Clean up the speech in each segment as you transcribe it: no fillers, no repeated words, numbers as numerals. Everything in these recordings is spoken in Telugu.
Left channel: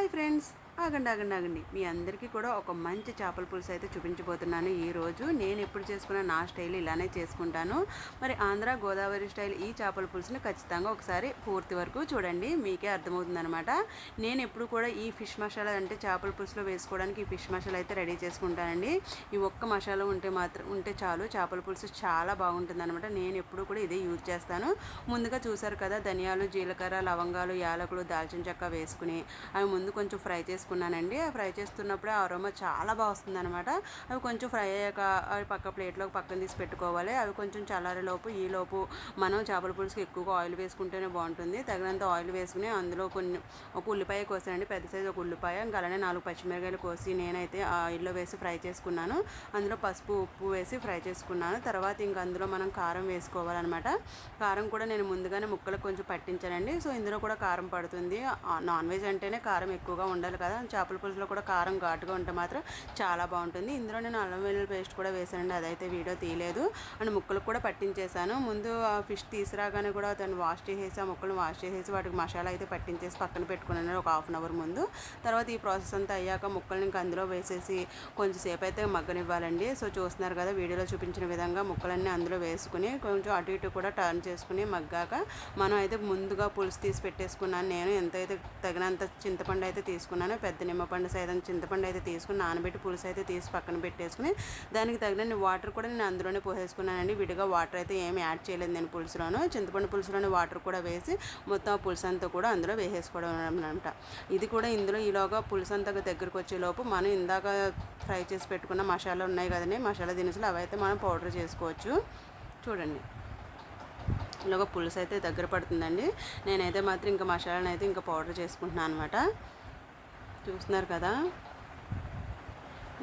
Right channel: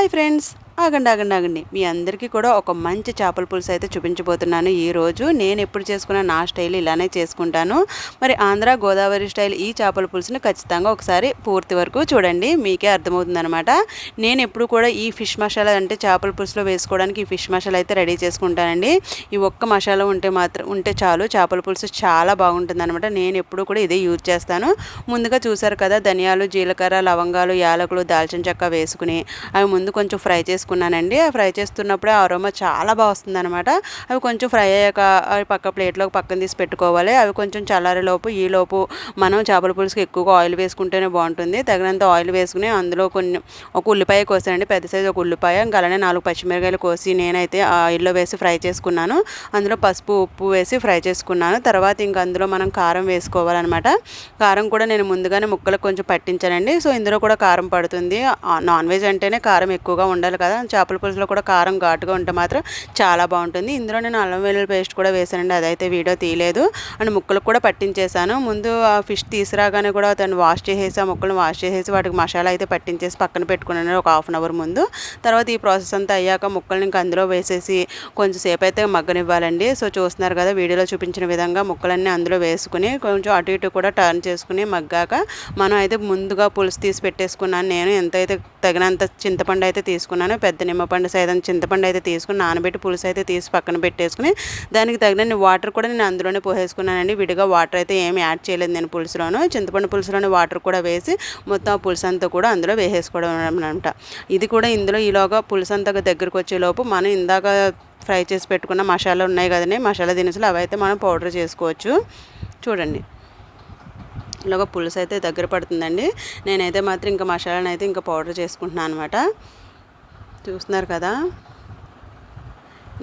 హాయ్ ఫ్రెండ్స్, ఆగండి. మీ అందరికీ కూడా ఒక మంచి చేపల పులుసు అయితే చూపించబోతున్నాను ఈరోజు. నేను ఎప్పుడు చేసుకున్న నా స్టైల్ ఇలానే చేసుకుంటాను. మరి ఆంధ్ర గోదావరి స్టైల్ ఈ చేపల పులుసుని ఖచ్చితంగా ఒకసారి పూర్తి వరకు చూడండి, మీకే అర్థమవుతుందనమాట. నేను ఎప్పుడు కూడా ఈ ఫిష్ మసాలా అంటే చేపల పులుసులో వేసుకోవడానికి ఈ ఫిష్ మసాలా అయితే రెడీ చేసుకుంటానండి. ఈ ఒక్క మసాలా ఉంటే చాలు, చేపల పులుసు చాలా బాగుంటుందన్నమాట. నేను ఎప్పుడు కూడా ఇదే యూజ్ చేస్తాను. ముందుగా చూసారు కదా, ధనియాలు, జీలకర్ర, లవంగాలు, యాలకులు, దాల్చిన చెక్క వేసుకుని అవి ముందు కొంచెం ఫ్రై చేసుకున్నానండి. ఫ్రై చేస్తున్నప్పుడే అరోమా చాలా బాగా వస్తుందన్నమాట. అవి కొంచెం ఫ్రై అయ్యాక అవి పక్క ప్లేట్లోకి పక్కన తీసి పెట్టుకోవాలి. అవి కొంచెం చల్లారేలోపు ఈలోపు మనం చేపల పులుసుకి ఎక్కువగా ఆయిల్ వేసుకుంటేనే బాగుంటుంది. తగినంత ఆయిల్ వేసుకుని అందులో ఒక ఉల్లిపాయ కోసానండి, పెద్ద సైజు ఒక ఉల్లిపాయ, ఇంకా అలానే 4 పచ్చిమిరకాయలు కోసి నేనైతే ఆయిల్లో వేసి ఫ్రై చేసుకున్నాను. అందులో పసుపు, ఉప్పు వేసి ఫ్రై చేసుకున్నాను. తర్వాత ఇంకా అందులో మనం కారం వేసుకోవాలన్నమాట. కారం కూడా నేను ముందుగానే ముక్కలకు కొంచెం పట్టించానండి. సో ఇందులో కూడా కారం పడుతుంది. నాన్ వెజ్ అంటేనే కారం ఎక్కువగా ఉండాలి కదా, చేపల పులుసులో కూడా కారం ఘాటుగా ఉంటే మాత్రం చాలా బాగుంటుంది. ఇందులో నేను అల్లం వెల్లుల్లి పేస్ట్ కూడా వేసానండి, అదైతే వీడియో తీయలేదు. అండ్ ముక్కలకు కూడా పట్టించేసాను. ముందు ఆ ఫిష్ తీసుకురాగానే కూడా దాన్ని వాష్ చేసేసి ఆ ముక్కలను వాష్ చేసేసి వాటికి మసాలా అయితే పట్టించేసి పక్కన పెట్టుకున్నాను ఒక హాఫ్ అన్ అవర్ ముందు. తర్వాత ఈ ప్రాసెస్ అంతా అయ్యాక ముక్కల్ని ఇంకా అందులో వేసేసి కొంచెం సేపు అయితే మగ్గనివ్వాలండి. సో చూస్తున్నారు కదా, వీడియోలో చూపించిన విధంగా ముక్కలన్నీ అందులో వేసుకుని కొంచెం అటు ఇటు కూడా టర్న్ చేసుకుని మగ్గాక మనం అయితే ముందుగా పులుసు తీసి పెట్టేసుకున్నాను. నేను ఎంతైతే తగినంత చింతపండు అయితే తీసుకున్నాను, పెద్ద నిమ్మపండు సైతం చింతపండు అయితే తీసుకుని నానబెట్టి పులుసు అయితే తీసి పక్కన పెట్టేసుకుని దానికి తగిన వాటర్ కూడా నేను అందులోనే పోసేసుకున్నానండి. విడిగా వాటర్ అయితే ఏమి యాడ్ చేయలేదు నేను పులుసులోను. చింతపండు పులుసులోనే వాటర్ కూడా వేసి మొత్తం ఆ పులుసు అంతా కూడా అందులో వేసేసుకోవడం అనమాట. ఇది కూడా ఇందులో ఈలోగా పులుసు అంతా దగ్గరకు వచ్చేలోపు మనం ఇందాక ఫ్రై చేసి పెట్టుకున్న మసాలా ఉన్నాయి కదండి, మసాలా దినుసులు, అవి అయితే మనం పౌడర్ చేసుకోవచ్చు. చూడండి, ఇలాగ పులుసు అయితే దగ్గర పడుతుందండి. నేనైతే మాత్రం ఇంకా మసాలాను అయితే ఇంకా పౌడర్ చేసుకుంటున్నాను అనమాట. చూస్తున్నారు కదా,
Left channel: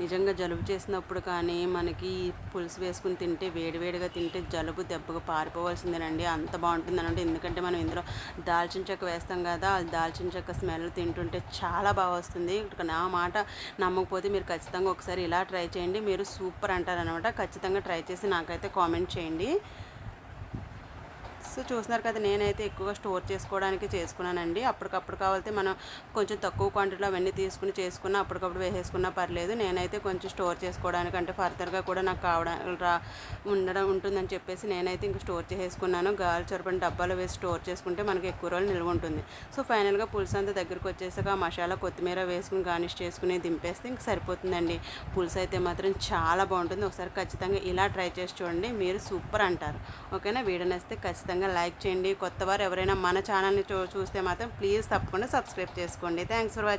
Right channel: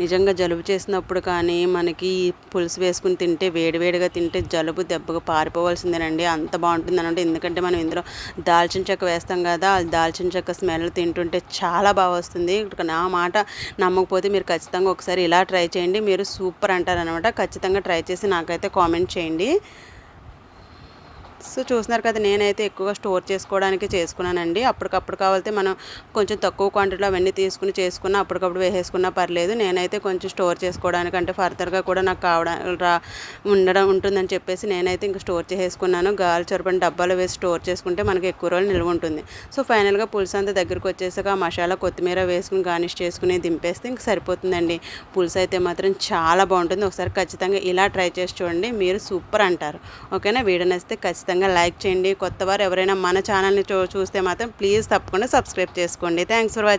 నిజంగా జలుబు చేసినప్పుడు కానీ మనకి పులుసు వేసుకుని తింటే వేడివేడిగా తింటే జలుబు దెబ్బగా పారిపోవాల్సిందేనండి, అంత బాగుంటుంది అనమాట. ఎందుకంటే మనం ఇందులో దాల్చిన చెక్క వేస్తాం కదా, ఆ దాల్చిన చెక్క స్మెల్ తింటుంటే చాలా బాగా వస్తుంది. నా మాట నమ్మకపోతే మీరు ఖచ్చితంగా ఒకసారి ఇలా ట్రై చేయండి, మీరు సూపర్ అంటారనమాట. ఖచ్చితంగా ట్రై చేసి నాకైతే కామెంట్ చేయండి. సో చూస్తున్నారు కదా, నేనైతే ఎక్కువగా స్టోర్ చేసుకోవడానికి చేసుకున్నానండి. అప్పటికప్పుడు కావాలంటే మనం కొంచెం తక్కువ క్వాంటిటీలో అవన్నీ తీసుకుని చేసుకున్నా అప్పటికప్పుడు వేసేసుకున్నా పర్లేదు. నేనైతే కొంచెం స్టోర్ చేసుకోవడానికి అంటే ఫర్దర్గా కూడా నాకు ఉండడం ఉంటుందని చెప్పేసి నేనైతే ఇంకా స్టోర్ చేసేసుకున్నాను. గాలి చొరపని డబ్బాలో వేసి స్టోర్ చేసుకుంటే మనకి ఎక్కువ రోజులు నిల్వ ఉంటుంది. సో ఫైనల్గా పులుసు అంతా దగ్గరికి వచ్చేసాక ఆ మసాలా కొత్తిమీర వేసుకుని గార్నిష్ చేసుకుని దింపేస్తే ఇంక సరిపోతుందండి. పులుసు అయితే మాత్రం చాలా బాగుంటుంది. ఒకసారి ఖచ్చితంగా ఇలా ట్రై చేసి చూడండి, మీరు సూపర్ అంటారు. ఓకేనా, వీడియో నచ్చితే ఖచ్చితంగా లైక్ చేయండి. కొత్తవారు ఎవరైనా మన ఛానల్ని చూస్తే మాత్రం ప్లీజ్ తప్పకుండా సబ్స్క్రైబ్ చేసుకోండి. Thanks for watching.